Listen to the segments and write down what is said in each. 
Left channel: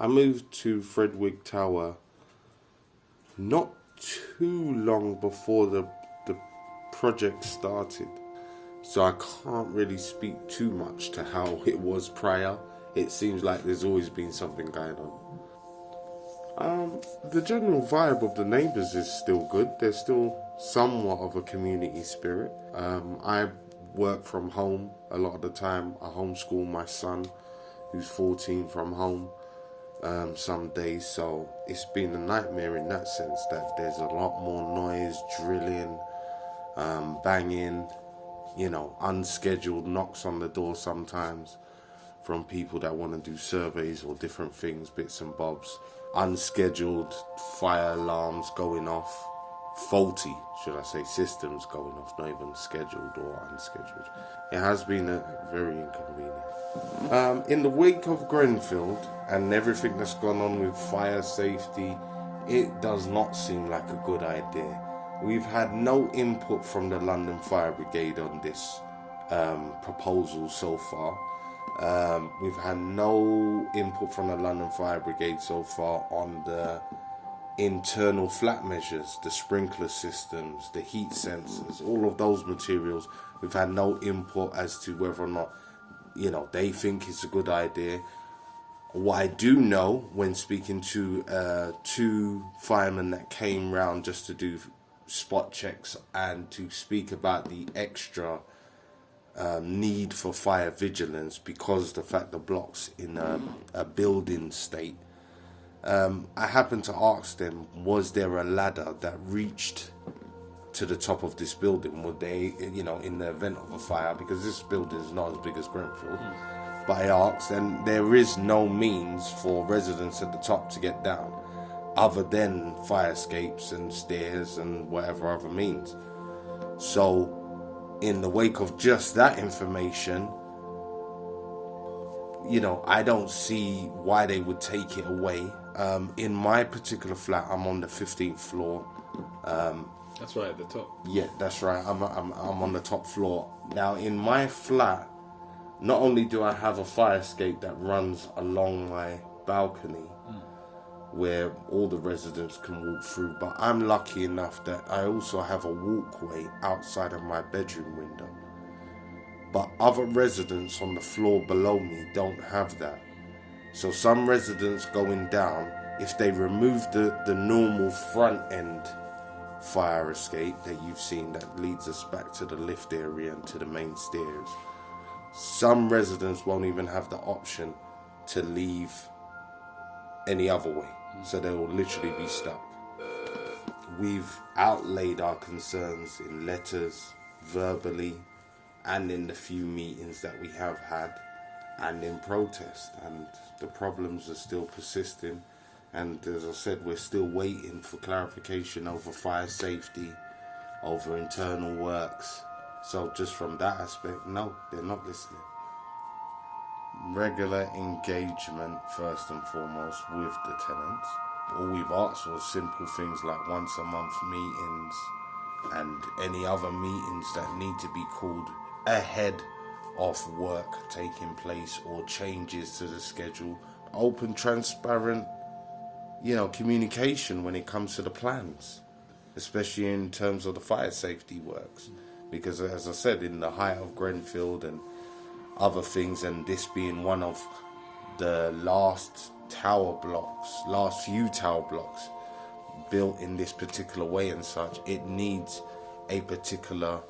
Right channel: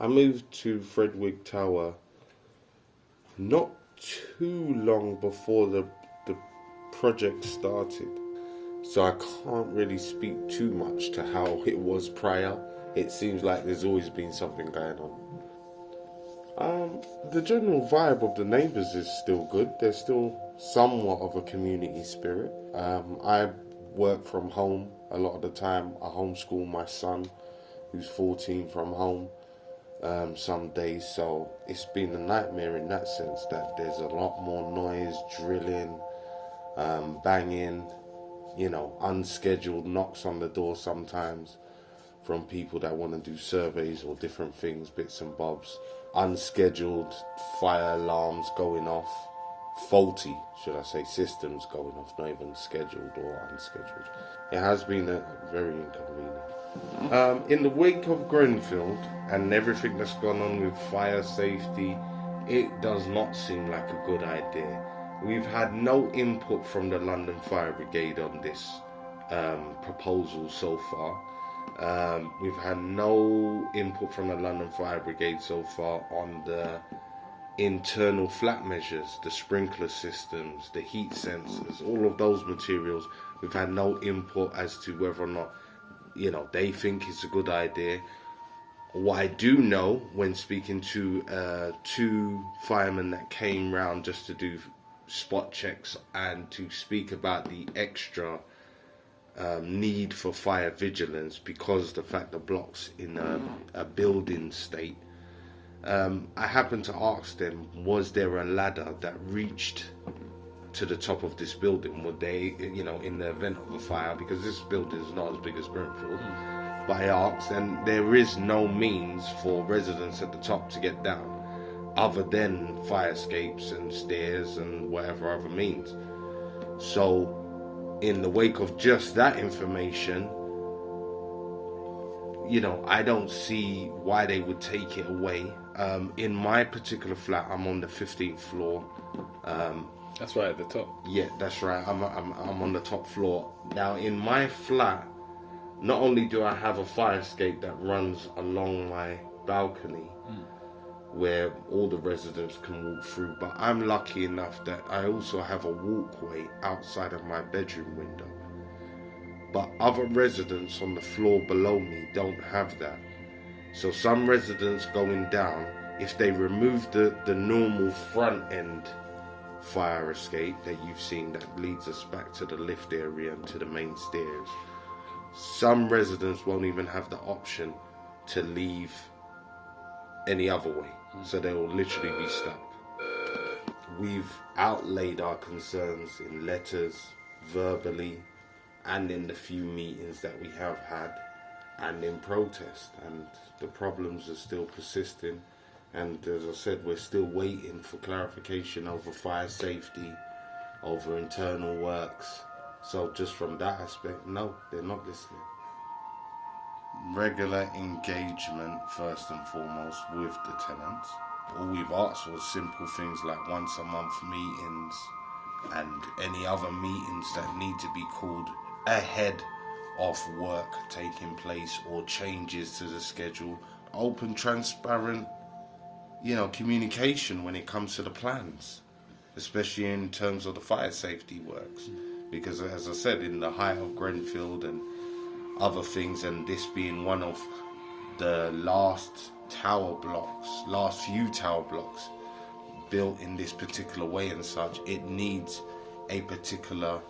I moved to Fred Wigg Tower not too long before the project started. So I can't really speak too much to how it was prior. It seems like there's always been something going on. The general vibe of the neighbours is still good. There's still somewhat of a community spirit. I work from home a lot of the time. I homeschool my son, who's 14, from home some days. So it's been a nightmare in that sense, that there's a lot more noise, drilling, banging, unscheduled knocks on the door sometimes from people that want to do surveys or different things, bits and bobs. Unscheduled fire alarms going off, faulty, should I say, systems going off, not even scheduled or unscheduled. It has been very inconvenient. In the wake of Grenfell and everything that's gone on with fire safety, it does not seem like a good idea. We've had no input from the London Fire Brigade on this proposal so far. We've had no input from the London Fire Brigade so far on the internal flat measures, the sprinkler systems, the heat sensors, all of those materials. We've had no input as to whether or not, they think it's a good idea. What I do know, when speaking to two firemen that came round just to do spot checks and to speak about the extra need for fire vigilance because the fact the block's in a building state, I happened to ask them, was there a ladder that reached to the top of this building? Would they, in the event of a fire, because this building is not as big as Grenfell, but I asked, and there is no means for residents at the top to get down other than fire escapes and stairs and whatever other means. So in the wake of just that information, I don't see why they would take it away. In my particular flat, I'm on the 15th floor. That's right at the top. Yeah, that's right. I'm on the top floor. Now, in my flat, not only do I have a fire escape that runs along my balcony, where all the residents can walk through, but I'm lucky enough that I also have a walkway outside of my bedroom window. But other residents on the floor below me don't have that. So some residents going down, if they remove the normal front end fire escape that you've seen that leads us back to the lift area and to the main stairs, some residents won't even have the option to leave any other way. So they will literally be stuck. We've outlaid our concerns in letters, verbally, and in the few meetings that we have had, and in protest, and the problems are still persisting. And as I said, we're still waiting for clarification over fire safety, over internal works. So just from that aspect, no, they're not listening. Regular engagement, first and foremost, with the tenants. All we've asked was simple things like once a month meetings and any other meetings that need to be called ahead of work taking place or changes to the schedule. Open, transparent, communication when it comes to the plans, especially in terms of the fire safety works. Because as I said, in the height of Grenfell and other things, and this being one of the last few tower blocks built in this particular way and such, it needs a particular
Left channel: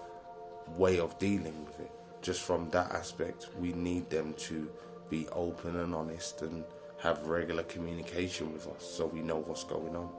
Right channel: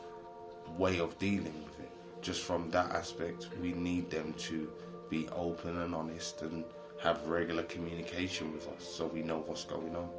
way of dealing with it. Just from that aspect, we need them to be open and honest and have regular communication with us so we know what's going on.